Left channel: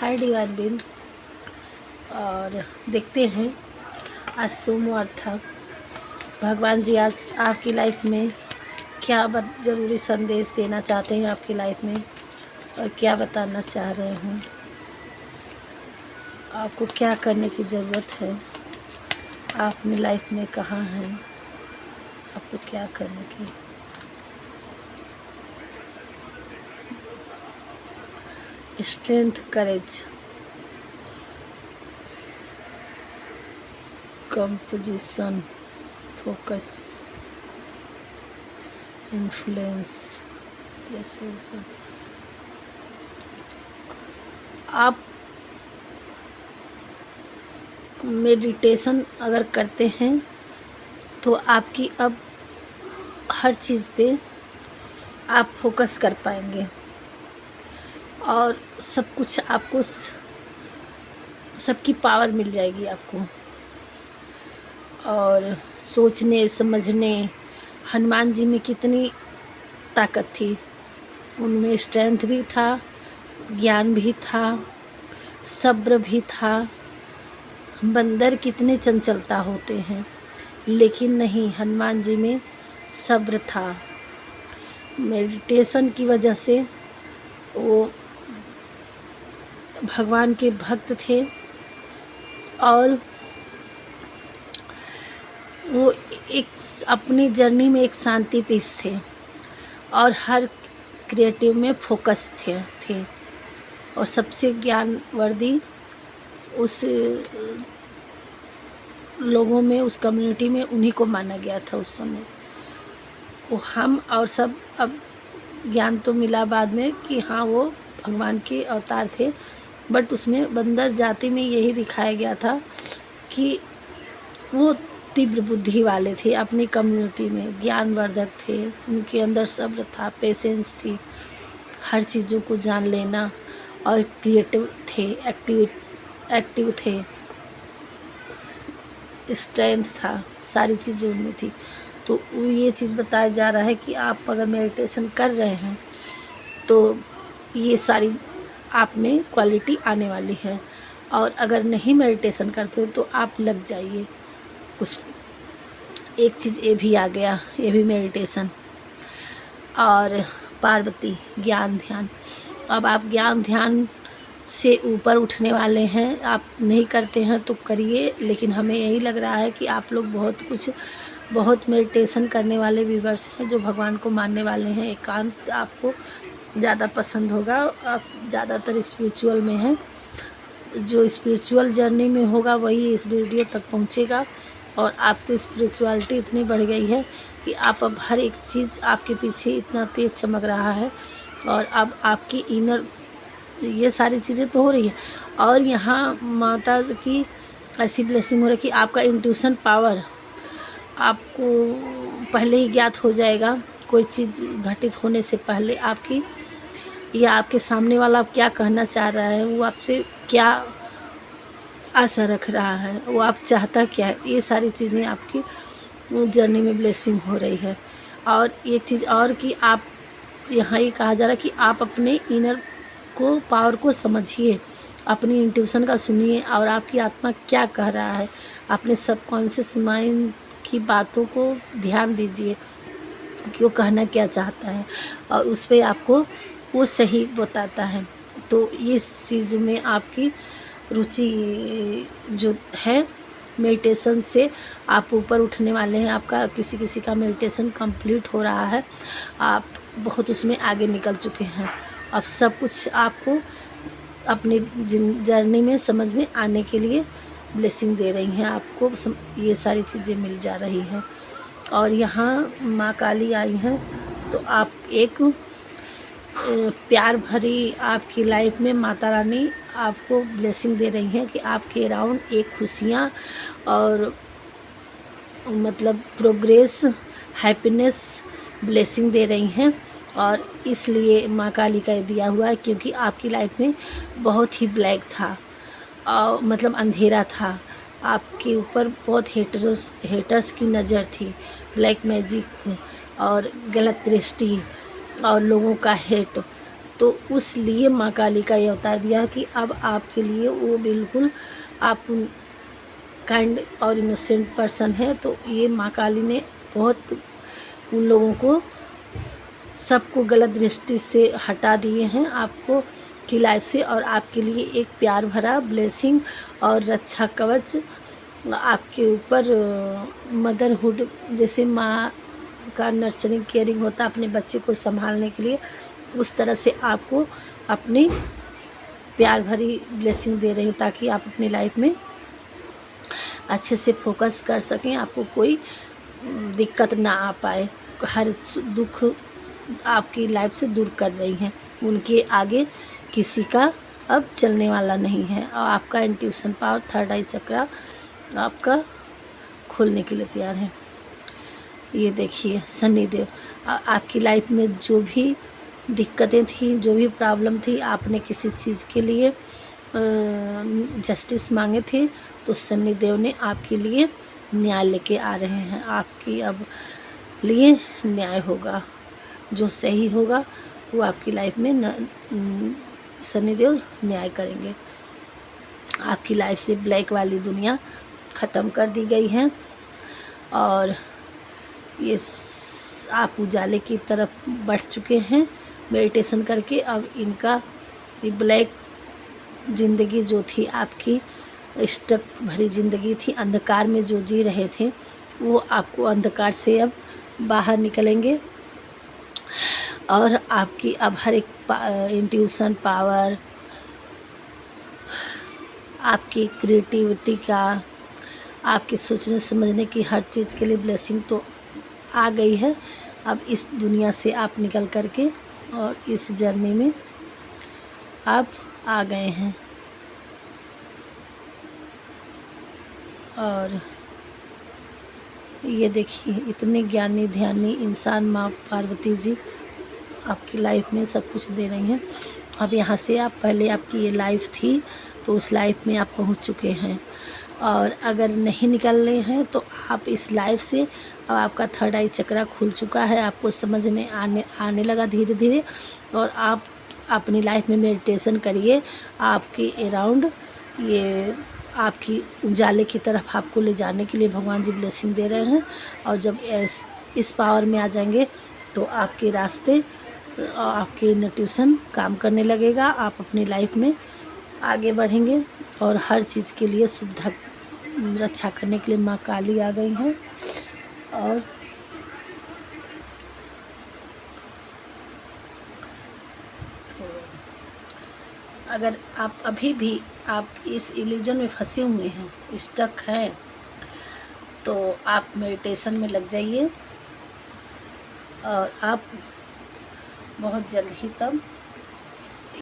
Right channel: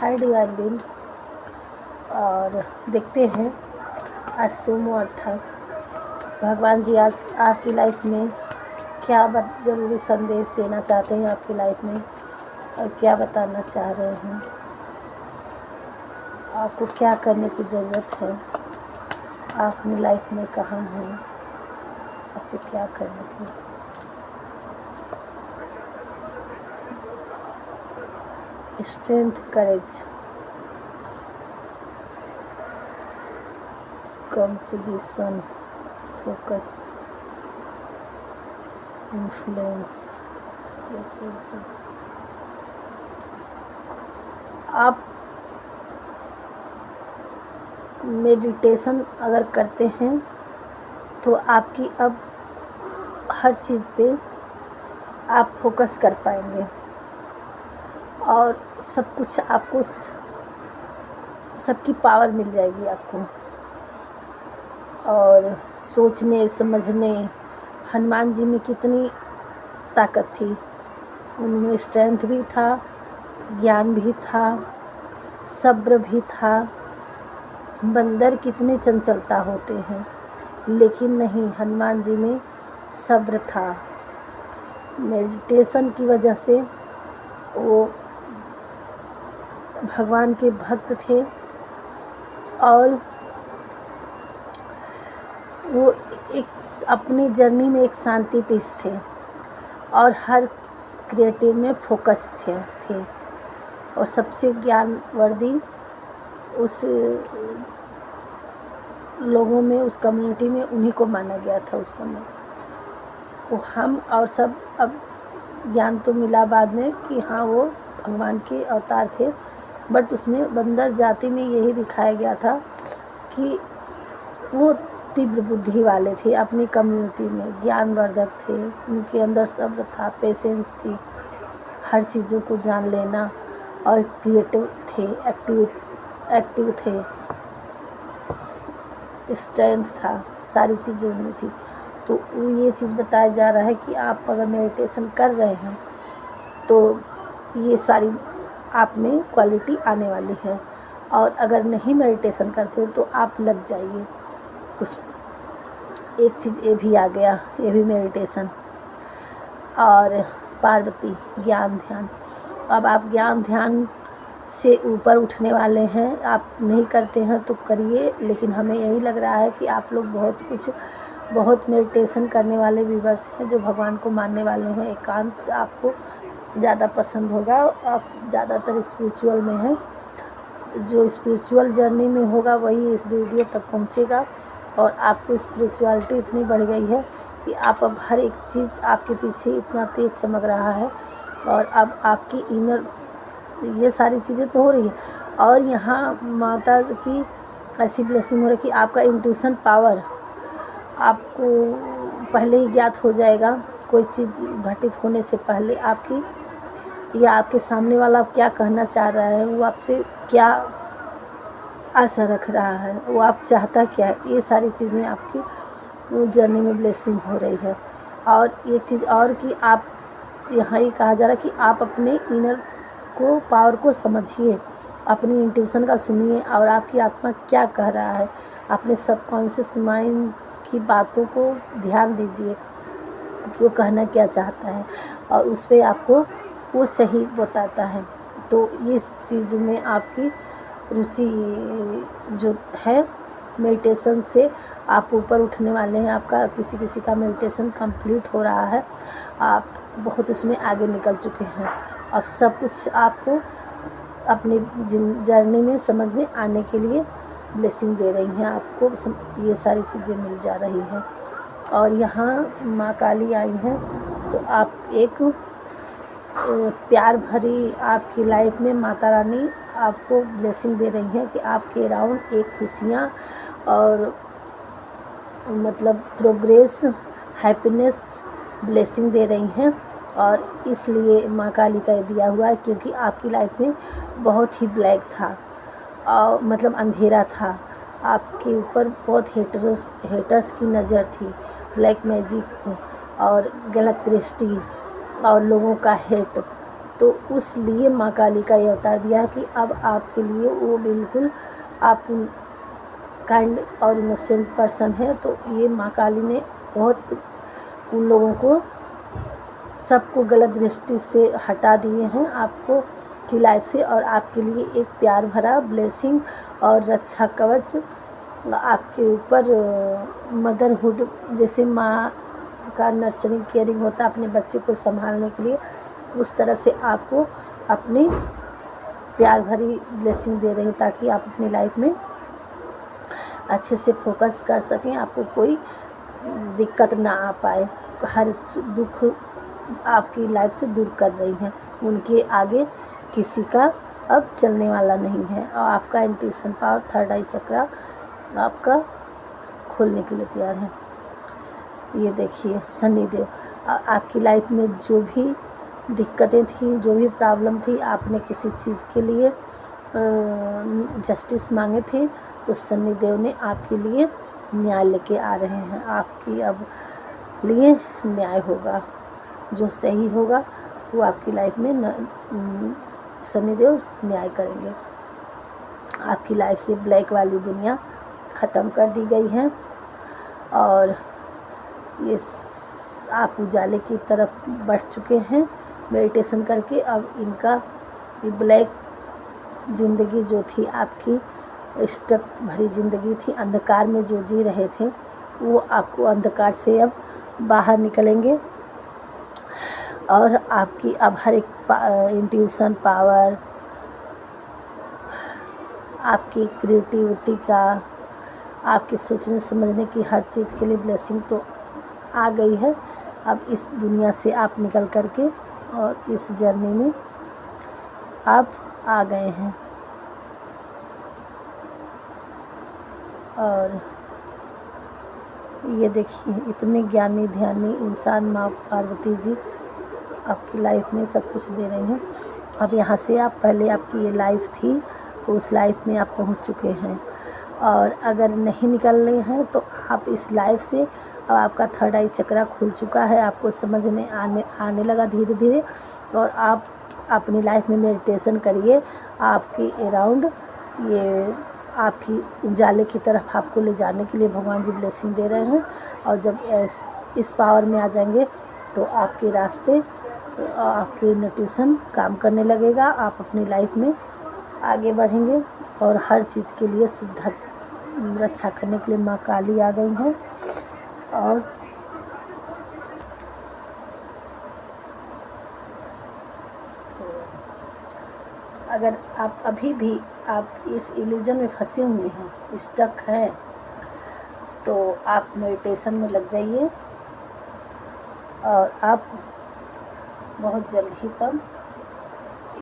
Hi divine been. और देखते हैं आज सोमवार था, भगवान जी आज आपकी लाइफ में क्या ज़रूरी संदेश देना चाहते हैं आपकी लाइफ में, और क्या बताना चाह रहे हैं, आपको क्या करने की ज़रूरत है, आप अपनी लाइफ में कहाँ हैं, आपको क्या करने की। स्ट्रेंथ, करेज, कंपोजिशन, फोकस, इन्फ्लुएंस। आप मेडिटेशन अगर करते हैं तो आपकी अब हर चीज़ पे आप फोकस कर पाएंगे और सब कुछ आपको सबकी पावर मिल जाएगी आपको। और सोचने समझने, हनुमान जी में कितनी ताकत थी, उनमें स्ट्रेंथ भी था, ज्ञान भी था, सब्र भी था। बंदर कितने चंचलता होते हैं, लेकिन नहीं, हनुमान जी में सब्र था। मेडिटेशन की वजह से वो भगवान के भक्त थे और वो एक अपनी जर्नी में एक शांति पीस थे और हर क्रिएटिव में फोकस थे और सबसे ज्ञानवर्दी उस लोगों में, उस कम्युनिटी में उन्हीं को माना गया था उस समय। वो हम और सब अब ज्ञान तो मिला बाद में कि हाँ वो भगवान के अवतार थे, बट उसमें बंदर जाति में यही दिखाया गया था कि वो तीव्र बुद्धि वाले थे, अपनी कम्युनिटी में ज्ञानवर्धक थे, उनके अंदर सब्र था, पेशेंस थी, हर चीज़ों को जान लेना, और क्रिएटिव थे, एक्टिव थे, स्ट्रेंथ था, सारी चीज़ें उनमें थी। तो ये चीज़ बताया जा रहा है कि आप अगर मेडिटेशन कर रहे हैं तो ये सारी आप में क्वालिटी आने वाली है। और अगर नहीं मेडिटेशन करते हो तो आप लग जाइए कुछ। एक चीज़ ये भी आ गया, ये भी मेडिटेशन। और पार्वती, ज्ञान ध्यान। अब आप ज्ञान ध्यान से ऊपर उठने वाले हैं, आप नहीं करते हैं तो करिए, लेकिन हमें यही लग रहा है कि आप लोग बहुत मेडिटेशन करने वाले व्यूअर्स हैं जो भगवान को मानने वाले हैं। एकांत आपको ज़्यादा पसंद होगा, आप ज़्यादातर स्पिरिचुअल में हैं। जो स्पिरिचुअल जर्नी में होगा वही इस वीडियो तक पहुंचेगा। और आपकी स्पिरिचुअलिटी इतनी बढ़ गई है कि आप अब हर एक चीज़ आपके पीछे इतना तेज़ चमक रहा है, और अब आपकी इनर ये सारी चीज़ें तो हो रही है। और यहाँ माता की ऐसी ब्लेसिंग हो रही है कि आपका इंट्यूशन पावर आपको पहले ही ज्ञात हो जाएगा। कोई चीज़ घटित होने से पहले आपकी, या आपके सामने वाला क्या कहना चाह रहा है, वो आपसे क्या आशा रख रहा है, वो आप चाहता क्या है, ये सारी चीज़ें आपकी जर्नी में ब्लेसिंग हो रही है। और एक चीज़ और कि आप यहाँ ये कहा जा रहा है कि आप अपने इनर को, पावर को समझिए, अपनी इंट्यूशन का सुनिए और आपकी आत्मा क्या कह रहा है। अपने सबकॉन्शियस माइंड की बातों को ध्यान दीजिए कि वो कहना क्या चाहता है, और उस पर आपको वो सही बताता है। तो इस चीज़ में आपकी रुचि जो है, मेडिटेशन से आप ऊपर उठने वाले हैं। आपका किसी का मेडिटेशन कंप्लीट हो रहा है, आप बहुत उसमें आगे निकल चुके हैं। अब सब कुछ आपको अपनी जर्नी में समझ में आने के लिए ब्लेसिंग दे रही हैं, आपको ये सारी चीज़ें मिल जा रही हैं। और यहाँ माँ काली आई हैं, तो आप एक प्यार भरी आपकी लाइफ में माता रानी आपको ब्लेसिंग दे रही हैं कि आपके अराउंड एक खुशियाँ और मतलब प्रोग्रेस, हैप्पीनेस, ब्लेसिंग दे रही हैं। और इसलिए माँ काली का दिया हुआ है क्योंकि आपकी लाइफ में बहुत ही ब्लैक था, और मतलब अंधेरा था, आपके ऊपर बहुत हेटर्स की नज़र थी, ब्लैक मैजिक और गलत दृष्टि और लोगों का हेट, तो उस लिए माँ काली का ये अवतार दिया कि अब आपके लिए वो बिल्कुल आप काइंड और इनोसेंट पर्सन है, तो ये माँ काली ने बहुत उन लोगों को सबको गलत दृष्टि से हटा दिए हैं आपको की लाइफ से, और आपके लिए एक प्यार भरा ब्लेसिंग और रक्षा कवच आपके ऊपर मदरहुड, जैसे माँ का नर्चरिंग केयरिंग होता है अपने बच्चे को संभालने के लिए, उस तरह से आपको अपनी प्यार भरी ब्लेसिंग दे रही हूँ ताकि आप अपनी लाइफ में अच्छे से फोकस कर सकें, आपको कोई दिक्कत ना आ पाए। हर दुख आपकी लाइफ से दूर कर रही हैं, उनके आगे किसी का अब चलने वाला नहीं है, और आपका इंट्यूशन पावर, थर्ड आई चक्रा आपका खोलने के लिए तैयार है। ये देखिए शनि देव, आपकी लाइफ में जो भी दिक्कतें थी, जो भी प्रॉब्लम थी, आपने किसी चीज़ के लिए जस्टिस मांगे थे, तो शनि देव ने आपके लिए न्याय लेके आ रहे हैं। आपकी अब लिए न्याय होगा, जो सही होगा वो आपकी लाइफ में शनि देव न्याय करेंगे। आपकी लाइफ से ब्लैक वाली दुनिया ख़त्म कर दी गई है, और ये आप उजाले की तरफ बढ़ चुके हैं मेडिटेशन करके। अब इनका ये ब्लैक ज़िंदगी जो थी आपकी, स्टक भरी ज़िंदगी थी, अंधकार में जो जी रहे थे, वो आपको अंधकार से अब बाहर निकलेंगे, और आपकी अब हर एक इंट्यूशन पावर, आपकी क्रिएटिविटी का, आपके सोचने समझने की हर चीज़ के लिए ब्लेसिंग तो आ गई है। अब इस दुनिया से आप निकल कर के और इस जर्नी में आप आ गए हैं। और ये देखिए इतने ज्ञानी ध्यानी इंसान माँ पार्वती जी आपकी लाइफ में सब कुछ दे रही हैं। अब यहाँ से आप, पहले आपकी ये लाइफ थी तो उस लाइफ में आप पहुँच चुके हैं, और अगर नहीं निकल रहे हैं तो आप इस लाइफ से, अब आपका थर्ड आई चक्रा खुल चुका है, आपको समझ में आने लगा धीरे धीरे, और आप अपनी लाइफ में मेडिटेशन करिए। आपके अराउंड ये आपकी उजाले की तरफ आपको ले जाने के लिए भगवान जी ब्लेसिंग दे रहे हैं, और जब इस पावर में आ जाएंगे तो आपके रास्ते, आपके इंट्यूशन काम करने लगेगा, आप अपनी लाइफ में आगे बढ़ेंगे, और हर चीज़ के लिए सुविधा रक्षा करने के लिए माँ काली आ गई हैं। और अगर आप अभी भी आप इस इल्यूजन में फंसे हुए हैं, स्टक हैं, तो आप मेडिटेशन में लग जाइए, और आप बहुत जल्द ही तब